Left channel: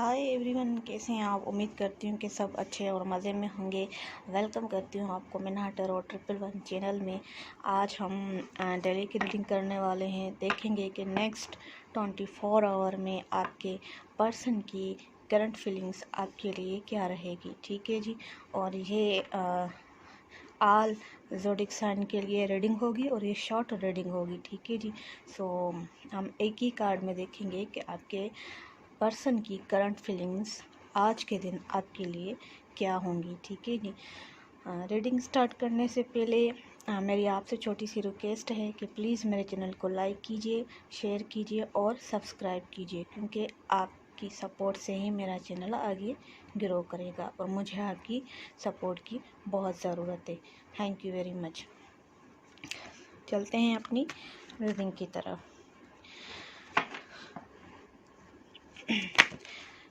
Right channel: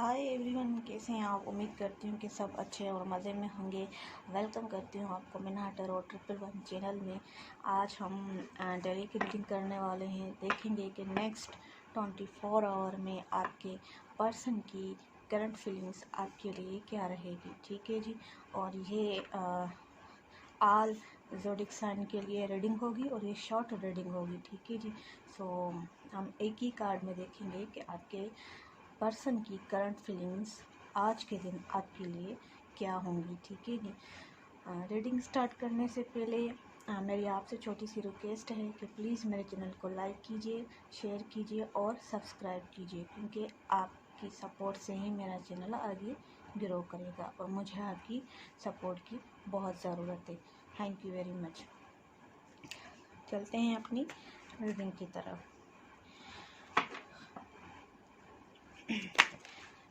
Hi everyone, कैसे हैं आप। उम्मीद करती हूँ कि सब अच्छे और मज़े में होंगे। वेलकम करती हूँ आपको मिनाट और 111 चैनल में। आज हम डेली की रीडिंग करने वाले हैं। देखेंगे कि नेक्स्ट 24 आवर में आपके पर्सन की करंट फीलिंग्स आपके लिए क्या रहेगी। ठीक है जी। और ये आल ज़ोडिक साइन के लिए रीडिंग होगी और ये शॉर्ट रीडिंग होगी। ठीक है जी। सो हम एक ही कार्ड में देखेंगे कि आपके पर्सन की करंट फीलिंग्स आज के दिन आपके लिए क्या होंगी। ठीक है जी। रीडिंग स्टार्ट करने से पहले मेरी आपसे छोटी सी रिक्वेस्ट है कि प्लीज़ मेरे चैनल को लाइक कीजिए, शेयर कीजिए और सब्सक्राइब कीजिए, क्योंकि आपकी सपोर्ट से ही मेरा चैनल आगे ग्रो करेगा और मुझे आपकी सपोर्ट की बहुत ज़रूरत है। Thank you very much. चलते हैं अपनी रीडिंग की तरफ।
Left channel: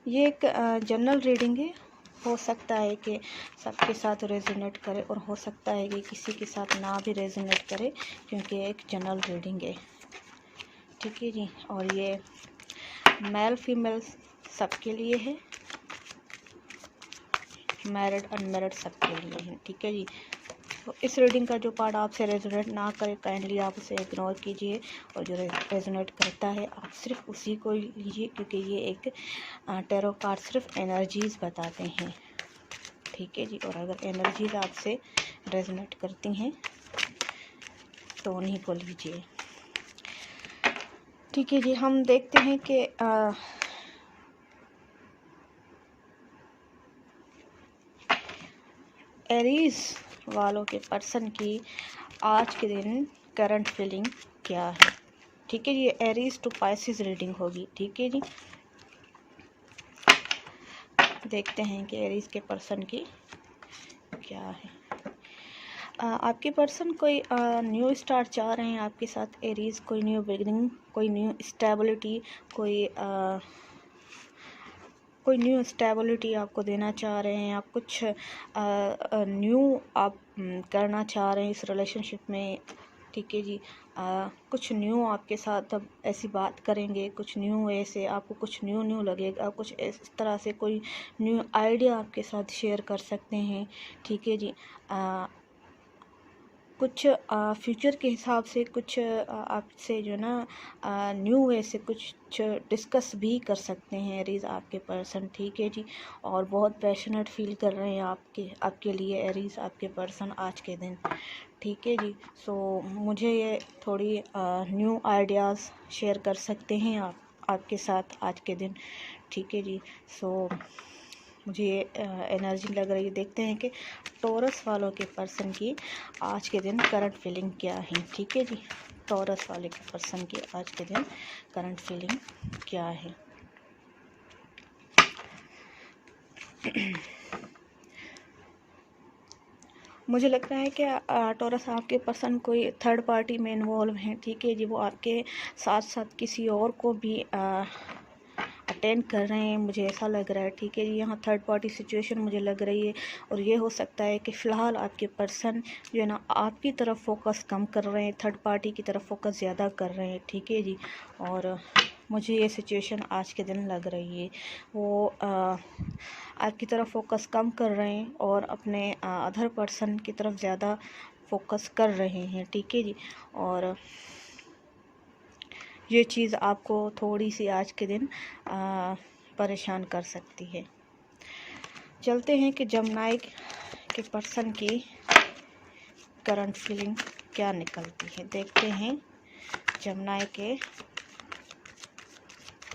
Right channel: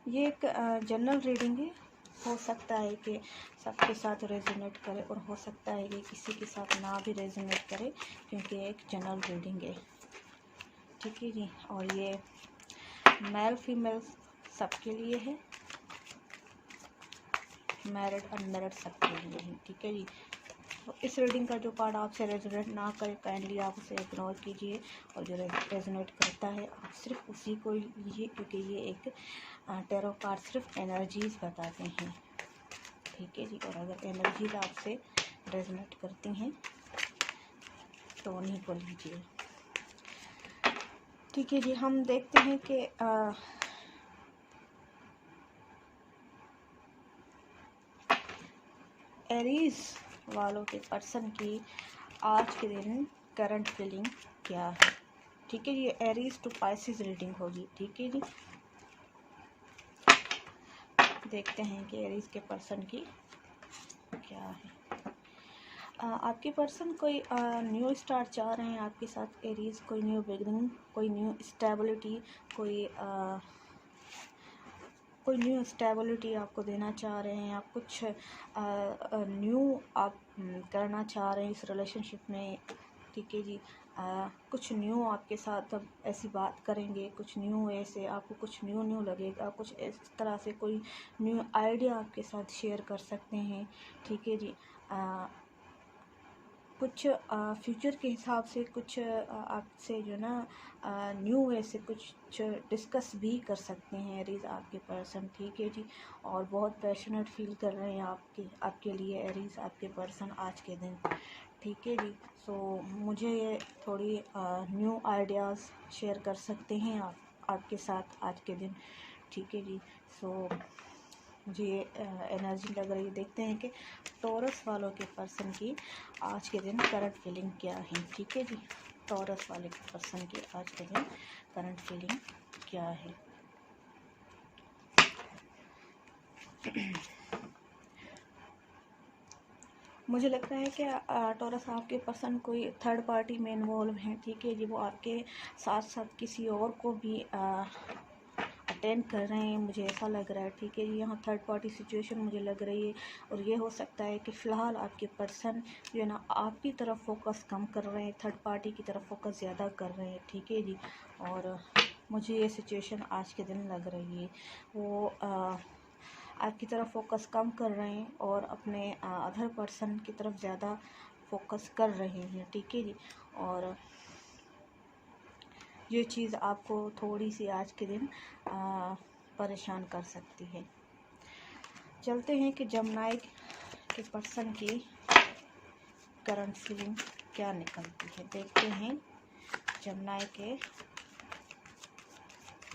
ये एक जनरल रीडिंग है। हो सकता है कि सबके साथ रेजोनेट करे और हो सकता है कि किसी के साथ ना भी रेजोनेट करे, क्योंकि एक जनरल रीडिंग है। ठीक है जी। और ये मेल फीमेल सबके लिए है, मैरिड अनमैरिड सबके लिए है। ठीक है जी। तो इस रीडिंग का जो पार्ट आपसे रेजोनेट ना करे, काइंडली आप उसे इग्नोर कीजिए, और जो रेजोनेट करता है आप सिर्फ उसी को लीजिए, क्योंकि ये एक टैरो कार्ड सिर्फ एनर्जीज बताते हैं। ठीक है जी। और अगर एनर्जीज आपसे रेजोनेट करती हैं तो उन्हीं को लीजिए। ठीक है जी। हम देखते हैं कि एरीज वालों के पर्सन की आज के दिन करंट फीलिंग क्या है। ठीक है जी। ये एरीज टू पाइसिस रीडिंग होगी। ठीक है जी। देखते हैं कि एरीज के पर्सन की क्या है। आपके पर्सन कोई न्यू स्टार्ट चाह रहे हैं आपके साथ एरीज। कोई न्यू बिगिनिंग, कोई न्यू स्टेबिलिटी, कोई न्यू स्टेबिलिटी आपको देना चाह रहे हैं। आप कुछ न्यू आप करना चाह रहे हैं इस रिलेशनशिप में। ठीक है जी। कुछ न्यू आपके साथ अब ऐसी बात करेंगे, कुछ न्यू ऐसे आपको कुछ न्यू लगेगा, कुछ इस तरह से कोई न्यू आइडिया आपके साथ शेयर कर सकते हैं। ठीक है जी। कुछ फ्यूचर के हिसाब से कुछ आपसे जो ना न्यू वे से कुछ डिस्कस भी कर सकते हैं एरीज आपके पर्सन। ठीक है जी। और बहुत पैशनेट फील कर रहे हैं आपके लिए एरीज आपके पर्सन आज के दिन। ठीक है जी। सो मुझे ये थोड़ी न्यू आइडियाज़ शेयर कर सकते हैं आपके साथ आज के दिन। ठीक है जी। सो मुझे ये एनर्जी लग रही है। देखते हैं कि टॉरस वालों के पर्सन की आज के दिन करंट फीलिंग क्या है। ठीक है जी। टॉरस वाले के पर्सन की आज के दिन करंट फीलिंग क्या है। मुझे लगता है कि टॉरस आपके पर्सन कोई थर्ड पार्टी में इन्वॉल्व हैं। ठीक है जी। वो आपके साथ साथ किसी और को भी अटेंड कर रहे हैं, मुझे ऐसा लग रहा है। ठीक है जी। यहाँ थर्ड पार्टी सिचुएशन मुझे लग रही है, और ये हो सकता है कि फ़िलहाल आपके पर्सन जो है ना आपकी तरफ फोकस कम कर रहे हैं, थर्ड पार्टी की तरफ फोकस ज़्यादा कर रहे हैं। ठीक है जी। और मुझे ये सिचुएशन आज के दिन लग रही है। वो आपकी तरफ फोकस कम कर रहे हैं और अपने अदर पर्सन की तरफ ज़्यादा फोकस कर रहे हैं। ठीक है जी। और ये चीज़ आपको थोड़ी सी आज के दिन परेशान कर सकती है। चलते हैं कि जमनाई के पर्सन की करंट फीलिंग क्या निकलती है। देखते हैं जमनाई के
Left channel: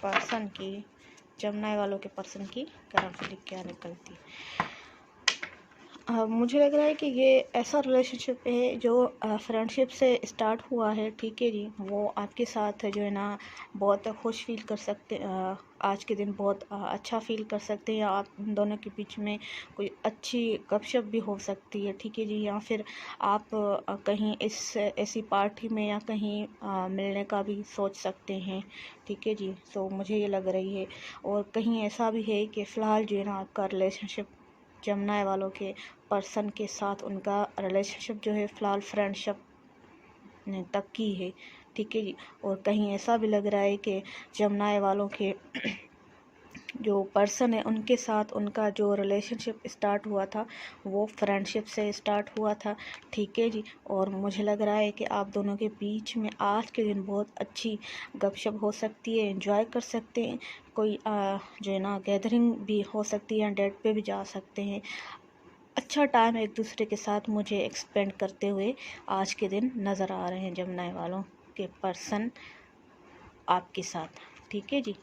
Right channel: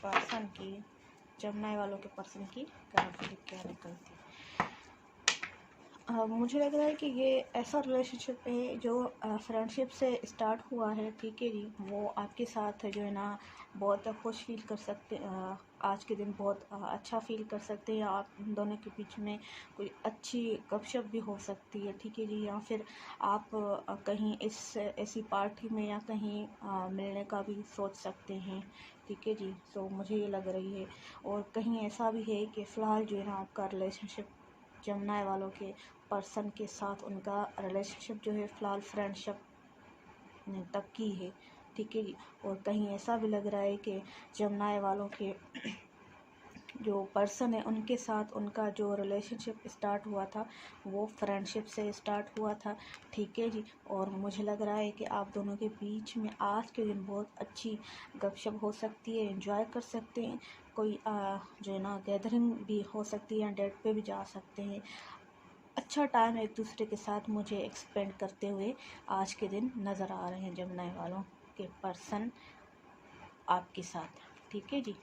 पर्सन की, जमनाई वालों के पर्सन की करंट फीलिंग क्या निकलती है। मुझे लग रहा है कि ये ऐसा रिलेशनशिप है जो फ्रेंडशिप से स्टार्ट हुआ है। ठीक है जी। वो आपके साथ जो है ना बहुत खुश फील कर सकते, आज के दिन बहुत अच्छा फील कर सकते हैं। आप दोनों के बीच में कोई अच्छी गपशप भी हो सकती है। ठीक है जी। या फिर आप कहीं ऐसी पार्टी में या कहीं मिलने का भी सोच सकते हैं। ठीक है जी। तो मुझे ये लग रही है। और कहीं ऐसा भी है कि फ़िलहाल जो है ना आपका रिलेशनशिप जमनाई वालों के पर्सन के साथ उनका रिलेशनशिप जो है फ़िलहाल फ्रेंडशिप तक की है। ठीक है जी। और कहीं ऐसा भी लग रहा है कि जमनाई वालों के जो पर्सन है उनके साथ उनका जो रिलेशनशिप स्टार्ट हुआ था वो फ्रेंडशिप से स्टार्ट हुआ था, ठीक है जी। और मुझे लग रहा है कि आप दोनों के बीच में आज के दिन बहुत अच्छी गपशप हो सकती है, एंजॉय कर सकते हैं, कोई जो है ना गैदरिंग भी हो सकती है, डेट पे भी जा सकते हैं। अच्छा टाइम एक दूसरे के साथ मुझे एक्सपेंड करते हुए आज के दिन नज़र आ रहे हैं जमुना वालों के पर्सन आपके साथ, ठीक है जी।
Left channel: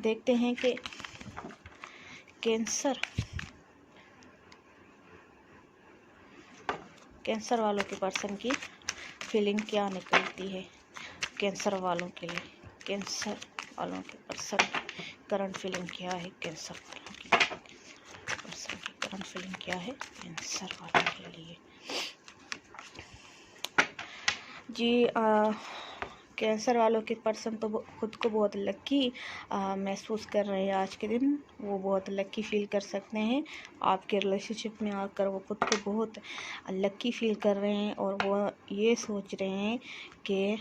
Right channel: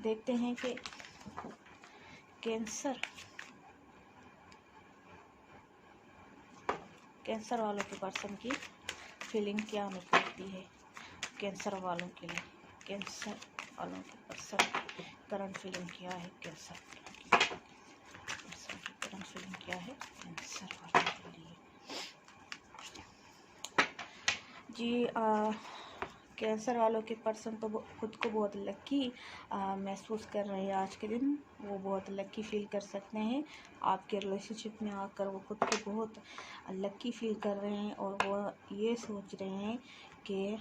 देखते हैं कि कैंसर वालों के पर्सन की फीलिंग क्या निकलती है कैंसर वालों के लिए। कैंसर वालों के पर्सन की करंट फीलिंग क्या है, कैंसर वालों के पर्सन की करंट फीलिंग क्या है कैंसर वालों के लिए जी। कैंसर वालों के पर्सन तो खुद को बहुत लकी महसूस कर रहे हैं आज के दिन। वो बहुत लकी फील कर सकते हैं आपके रिलेशनशिप में आकर। वो खुद को बहुत लकी फील कर रहे हैं और वो ये सोच रहे हैं कि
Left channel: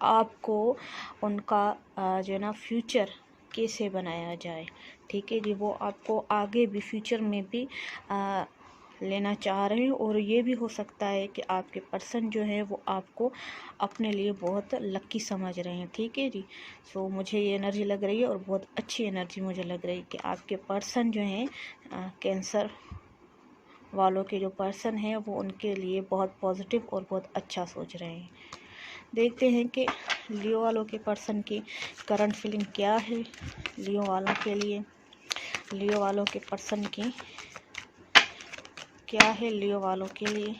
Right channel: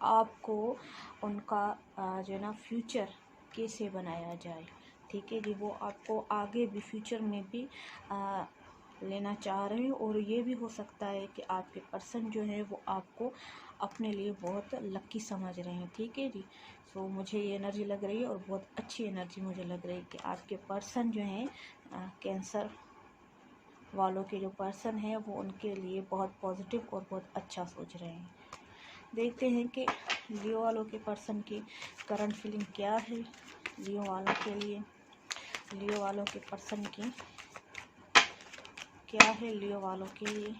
आपको उनका जो है ना फ्यूचर कैसे बनाया जाए, ठीक है जी। वो आपको आगे भी फ्यूचर में भी लेना चाह रहे हैं और ये भी हो सकता है कि आपके पर्सन जो है वो आपको अपने लिए बहुत लकी समझ रहे हैं, ठीक है जी। सो मुझे ये एनर्जी लग रही है और बहुत अच्छी एनर्जी मुझे लग रही है कि आपके पर्सन जो हैं कैंसर वालों के जो पर्सन हैं वो उनके लिए बहुत पॉजिटिव और बहुत अच्छा सोच रहे हैं। देखते हैं कि लियो वालों के पर्सन की करंट फीलिंग क्या है लियो वालों के लिए। लियो वालों के पर्सन की क्या है लियो वालों के लिए।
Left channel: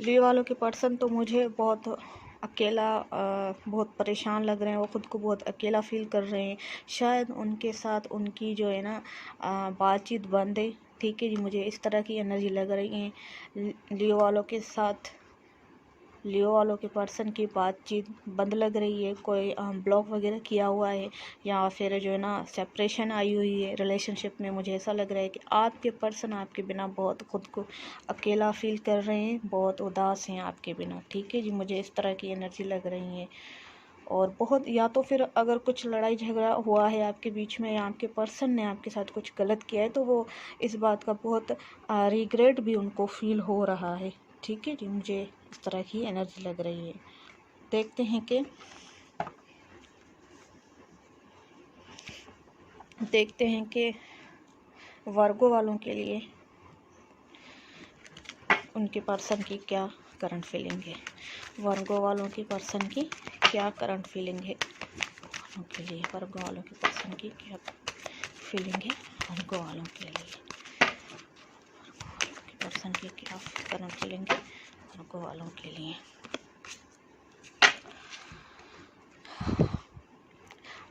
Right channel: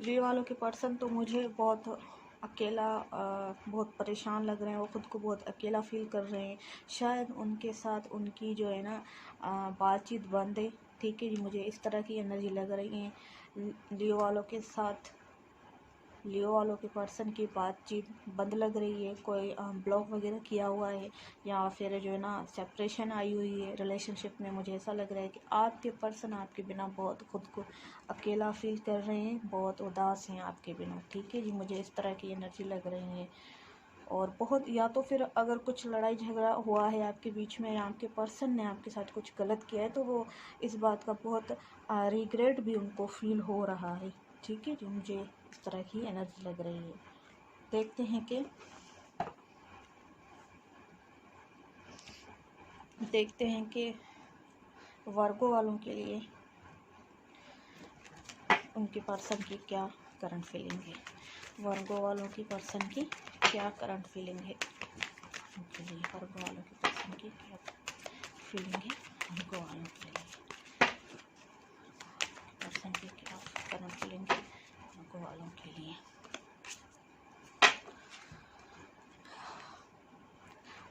लियो वालों के पर्सन तो मुझे बहुत अकेला बहुत परेशान लग रहे हैं। वो खुद को बहुत अकेला फील कर रहे हैं। शायद उनके साथ उनकी जो है ना बातचीत बंद है, ठीक है जी। मुझे इस तरह की एनर्जी लग रही है। लियो वालों के साथ लियो वालों के पर्सन की बातचीत बंद लग रही है। कोई ब्लॉक वगैरह किया हुआ है या फिर जो है ना सेपरेशन आई हुई है रिलेशनशिप में। मुझे ऐसा लग रहा है कि आपके पर्सन आपके बिना बहुत खुद को अकेला फील कर रहे हैं, बहुत उदास हैं आपके बिना, ठीक है जी। मुझे इस तरह की एनर्जी लग रही है। और बहुत या तो फिर अगर कुछ लड़ाई झगड़ा हुआ है आपके बीच में या आपके पर्सन ने आपके साथ कुछ गलत किया है तो वो इस बात का बहुत रिग्रेट भी उनको फील हो रहा है, ठीक है जी। मुझे इस तरह की एनर्जी लग रही है। देखते हैं कि वर्गो वालों के लिए उनके पर्सन की क्या करंट फीलिंग है। वर्गो वालों की पर्सन की क्या करंट फीलिंग है उनके लिए। वर्गो वालों के पर्सन की क्या फीलिंग है वर्गो वालों के लिए। पर्सन की क्या करंट फीलिंग है वर्गो वालों के लिए।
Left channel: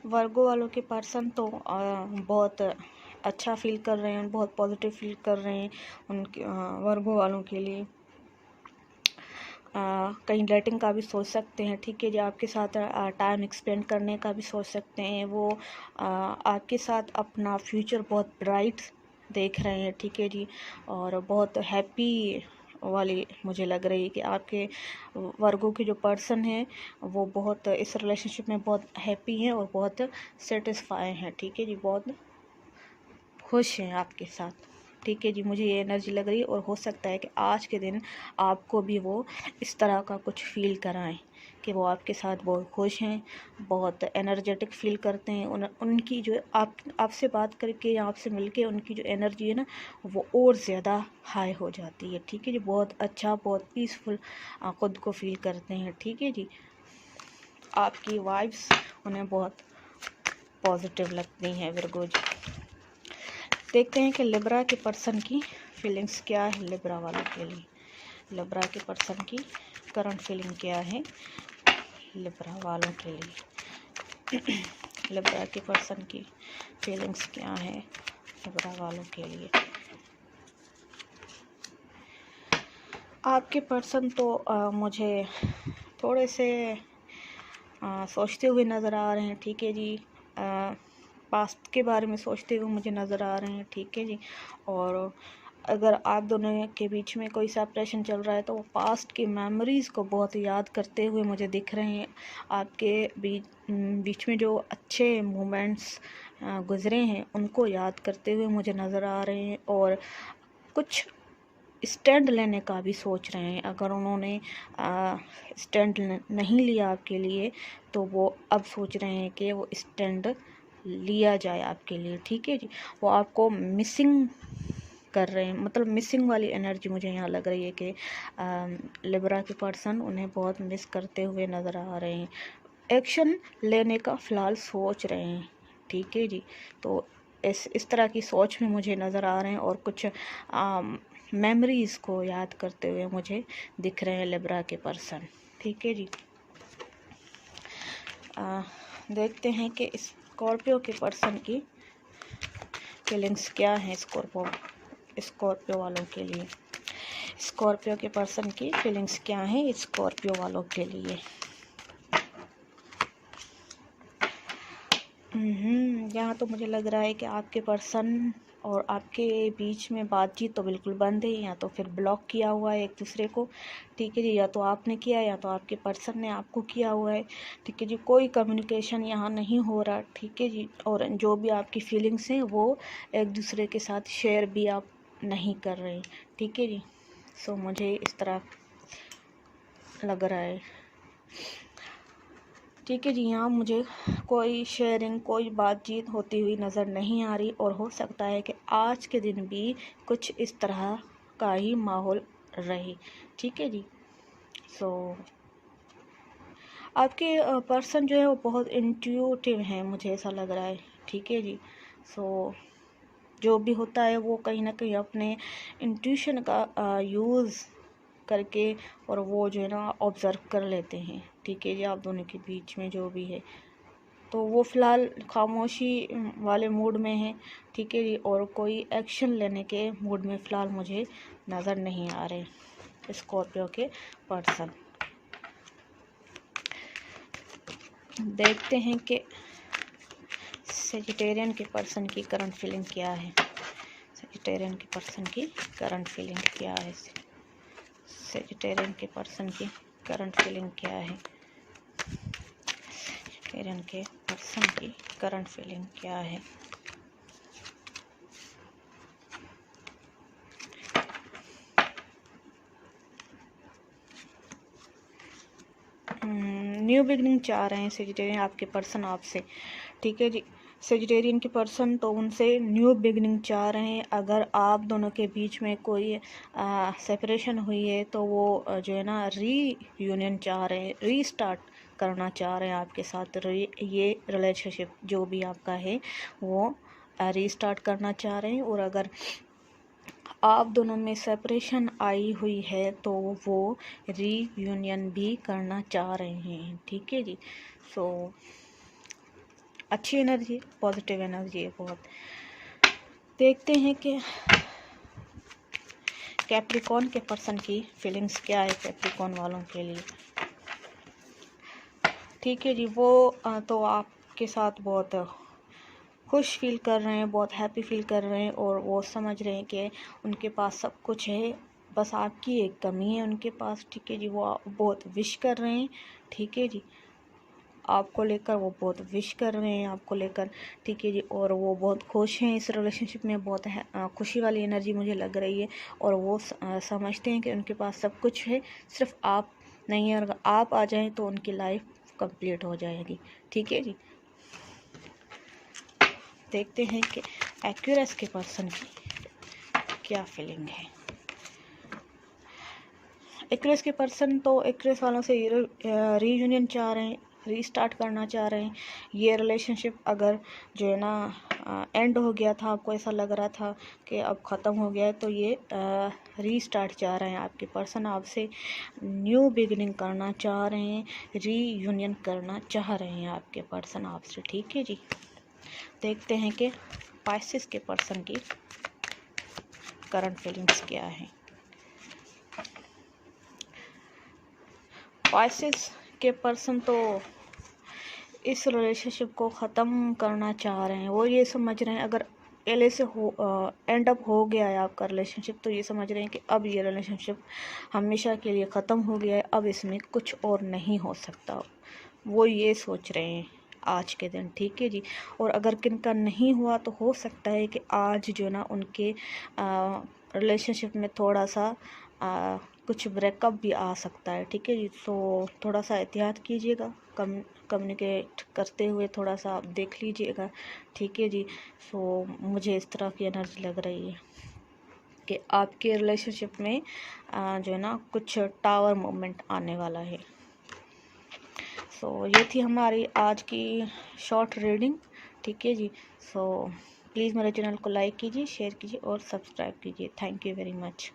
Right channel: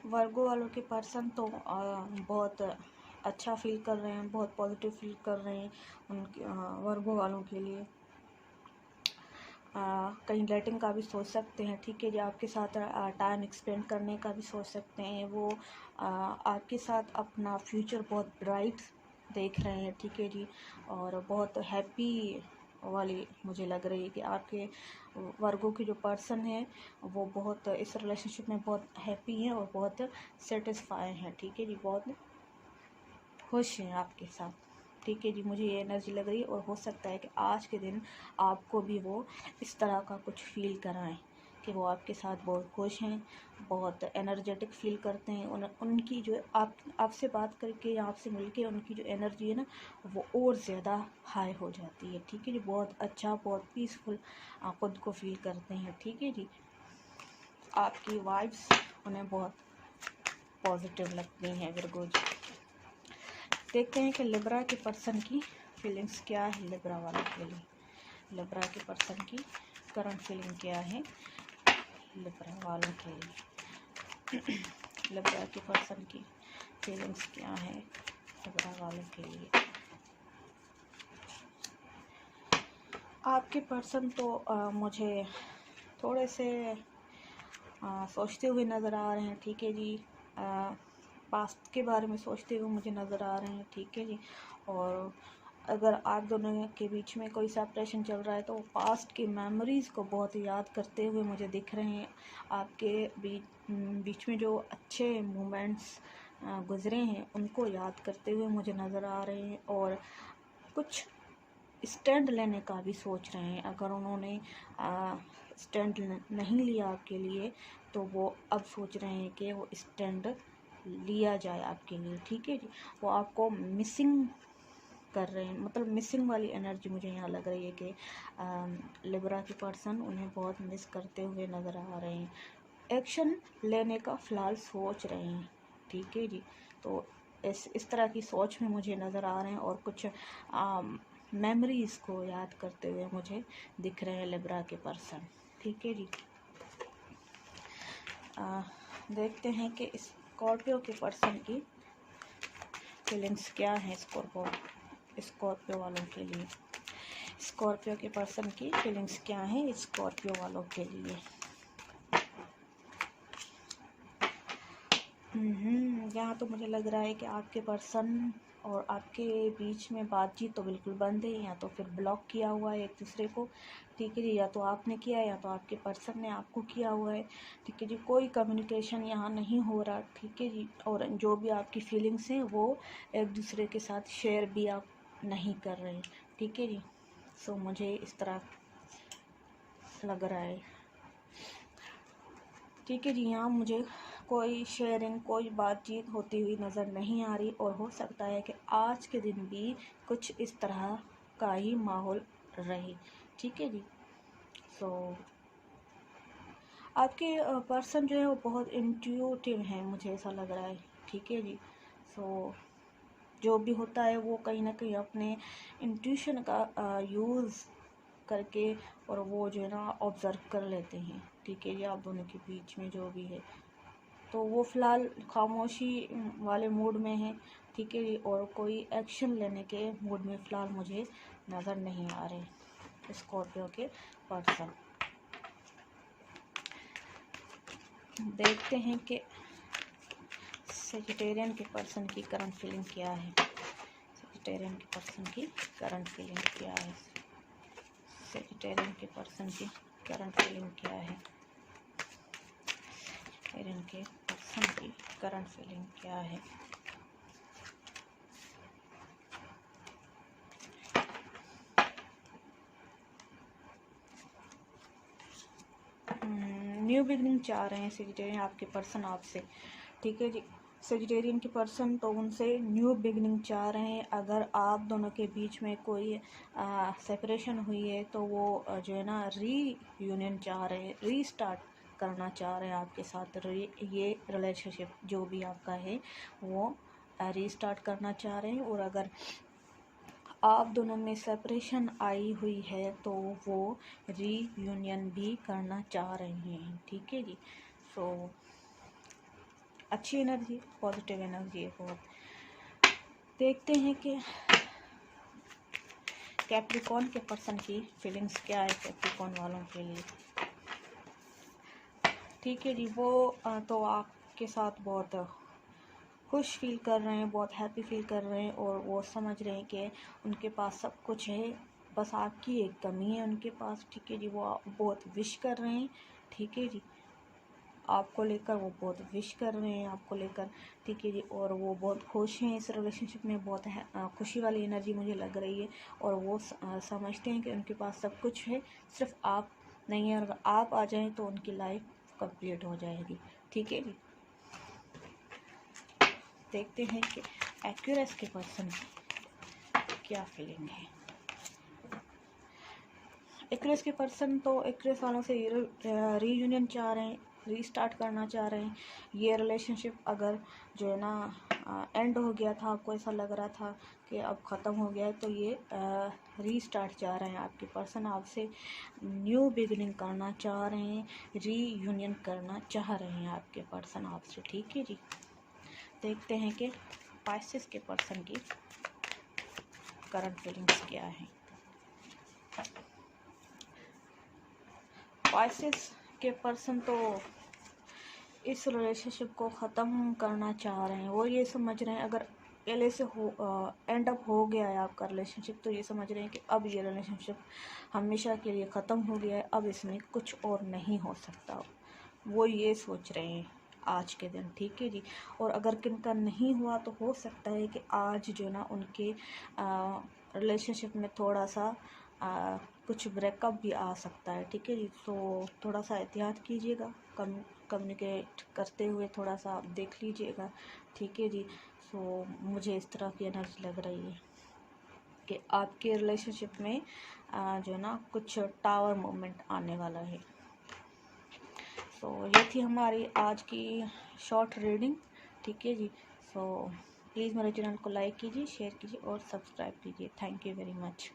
वर्गो वालों के पर्सन तो बहुत अच्छा फील कर रहे हैं, बहुत पॉजिटिव फील कर रहे हैं उनके वर्गो वालों के लिए। कहीं डेटिंग का भी सोच सकते हैं, ठीक है जी। आपके साथ टाइम एक्सपेंड करने का भी सोच सकते हैं। वो आपके साथ अपना फ्यूचर बहुत ब्राइट देख रहे हैं, ठीक है जी। और बहुत हैप्पी वाली मुझे लग रही है कि आपके वर्गों के जो पर्सन हैं वो बहुत इस रिलेशनशिप में बहुत हैप्पी हैं और बहुत सेटिस्फाई हैं, ठीक है जी। बहुत खुश हैं आपके साथ, ठीक है जी। मुझे ये एनर्जी लग रही है और हो सकता है कि आज के दिन आपको भी वो इस तरह का कुछ फील कराएं कि वो आपके साथ बहुत खुश हैं, बहुत एनर्जेटिक फील करते हैं। उनकी जो आपसे बात करके या आपसे मिलके उनकी जो एनर्जी है ना वो और ज़्यादा हाई हो जाती है, ठीक है जी। बहुत अच्छा, बहुत पीसफुल खुद को फील करते हैं, ठीक है जी। आपकी वाइब्स उन्हें बहुत पॉजिटिव लगती हैं विर्गो जी। देखते हैं कि लिब्रा के पर्सन की फीलिंग्स क्या है लिब्रा वालों के लिए। लिब्रा के पर्सन की करंट फीलिंग क्या है लिब्रा वालों के लिए। लिब्रा के पर्सन की फीलिंग्स क्या है लिब्रा वालों के लिए। आपके पर्सन तो मुझे थोड़े से सोचते हुए नज़र आ रहे हैं, ठीक है जी। पास्ट के बारे में सोचते हुए मुझे नज़र आ रहे हैं, ठीक है जी। और अगर आप दोनों के बीच में कोई सेपरेशन चल रहा है तो वो पास्ट की मेमोरीज़ को बहुत याद करते हुए मुझे दिख रहे हैं। आपके बीच में जो अच्छे मोमेंट्स गुज़रे हैं उनको याद करते हुए मुझे नज़र आ रहे हैं, और कुछ स्टैंड लेने का भी सोच रहे हैं। अगर उन्होंने स्टैंड नहीं लिया आपके लिए तो वो अब सोच रहे हैं कि वो स्टैंड लिया जाए आपके लिए। ठीक है जी, वो आपको मिसिंग कर रहे हैं, मतलब मिसिंग वाली एनर्जी मुझे यहाँ लग रही है कि लिब्रा के पर्सन उन्हें बहुत मिस करते हुए नज़र आ रहे हैं। एक्शन लेने का फ़िलहाल सोच रहे हैं। ठीक है जी, तो इस तरह की सोच में मुझे नज़र आ रहे हैं, और कुछ मेमोरीज़ को याद करते हुए मुझे दिख रहे हैं लिब्रा के पर्सन। ठीक है जी, देखते हैं कि स्कॉर्पियो के पर्सन की फीलिंग्स क्या हैं स्कॉर्पियो वालों के लिए। स्कॉर्पियो के पर्सन की फीलिंग्स क्या हैं स्कॉर्पियो वालों के लिए। यहाँ तो मुझे लग रहा है कि आपके पर्सन और आपके बीच में बातचीत तो बिल्कुल बंद है, या तो फिर ब्लॉक किया हुआ है एक दूसरे को। ठीक है जी, या तो आपने किया या तो आपके पर्सन ने आपको किया हुआ है। ठीक है जी, कोई कम्युनिकेशन यहाँ नहीं हो रहा। ठीक है जी, और जो भी आपकी फीलिंग्स हैं वो एक दूसरे के साथ शेयर भी आप नहीं कर रहे। ठीक है जी, सो मुझे इस तरह लग रहा है। ठीक है जी, यहाँ मुझे कोई शेयरिंग, कोई बातचीत होती हुई नज़र नहीं आ रही, और हो सकता है कि आज के दिन भी कुछ इस तरह का ही माहौल रहे। ठीक है जी, सो आपके पर्सन जो है वो बहुत इंट्यूटिव हैं, मुझे ऐसा लग रहा है। ठीक है जी, सो जो भी होता है वो कहीं ना कहीं अपने इंट्यूशन का यूज़ करके और वो जो है ना ऑब्ज़र्व कर लेते हैं। ठीक है जी, आप दोनों के बीच में जो भी है तो वो फ़िलहाल खामोशी वाले मूड में है। ठीक है जी, और कोई एक्शन लेने के मूड में फ़िलहाल मुझे नज़र नहीं आ रहे स्कॉर्पियो के पर्सन। देखते हैं कि सेजिटेरियन के पर्सन की करंट फीलिंग क्या है। सेजिटेरियन के पर्सन की करंट फीलिंग क्या है। सेजिटेरियन के पर्सन की करंट फीलिंग क्या है। सेजिटेरियन के पर्सन की करंट फीलिंग क्या है। न्यू बिगनिंग चाह रहे हैं सेजिटेरियन आपके पर्सन आपसे। ठीक है जी, सेजिटेरियन के पर्सन तो उनसे न्यू बिगनिंग चाह रहे हैं। अगर आप दोनों के बीच में कोई सेपरेशन हुई है तो वो जो है ना रीयूनियन चाह रहे हैं, रीस्टार्ट करना चाह रहे हैं आपके साथ। ये रिलेशनशिप जो भी आपका है वो रीस्टार्ट करना चाह रहे हैं, और अगर आप दोनों में सेपरेशन आई हुई है तो वो रीयूनियन भी करना चाह रहे हैं। ठीक है जी, सो अच्छी एनर्जी, पॉजिटिव एनर्जी है बहुत। देखते हैं कि कैप्रिकॉर्न के पर्सन की फीलिंग्स क्या है कैप्रिकॉर्न वालों के लिए। ठीक है जी, वो तो आपके साथ बहुत खुश फील कर रहे हैं, बहुत हैप्पी फील कर रहे हैं, और वो समझ रहे हैं कि उनके पास सब कुछ है, बस आपकी एक कमी है उनके पास। ठीक है जी, वो बहुत विश कर रहे हैं। ठीक है जी, आपको लेकर वो बहुत विश कर रहे हैं आपको लेकर। ठीक है जी, और वो बहुत खुश हैं इस रिलेशनशिप में, बहुत खुशी वाली एनर्जी मुझे लग रही है, और वो समझते हैं कि उनके पास सब कुछ है, सिर्फ आप नहीं है। अगर आप आ जाएं तो उनकी लाइफ कंप्लीट हो जाएगी। ठीक है जी, देखते हैं कि एक्यूरेस के पर्सन की क्या फीलिंग है। एक्यूरेस के पर्सन तो एक्यूरेस वालों से रीयूनियन चाह रहे हैं, रीस्टार्ट करना चाह रहे हैं। ये रिलेशनशिप अगर जो है ना एंड हो गया था, आपको ऐसा लग रहा था कि अब ख़त्म हो गया है, तो ये रीस्टार्ट चाह रहे हैं आपके पर्सन आपसे। न्यू बिगिनिंग करना चाह रहे हैं, रीयूनियन करना चाह रहे हैं आपके पर्सन आपसे। ठीक है जी, देखते हैं कि पाइसेस के पर्सन की करंट फीलिंग्स क्या है। पाइसेस के पर्सन तो इस रिलेशनशिप को ख़त्म करना चाह रहे हैं। वो ये समझ रहे हैं अगर पहले से एंड अप हो गया है आपका रिलेशनशिप, तो ये समझ रहे हैं कि अब ये रिलेशनशिप हमेशा के लिए ख़त्म हो गया है, अब इसमें कुछ और नहीं हो सकता, वो ये सोच रहे हैं आज के दिन। ठीक है जी। और अगर किनका नहीं हुआ तो हो सकता है कि आज जो ना उनके रिलेशनशिप में थोड़ा सा कुछ ब्रेकअप भी आ सकता है। ठीक है जी। तो थोड़ा सा एहतियात कीजिएगा, कम्युनिकेट करते हुए थोड़ा सा आप देख लीजिएगा। ठीक है जी। सो मुझे इस तरह की एनर्जी लग रही है कि आपके रिलेशनशिप में जो है ना कुछ टावर मोमेंट आने वाला है। सो ये थी हमारी आज की शॉर्ट रीडिंग। ठीक है जी। सो प्लीज़ मेरे चैनल को लाइक कीजिए, शेयर कीजिए और सब्सक्राइब कीजिए। Thank you very much.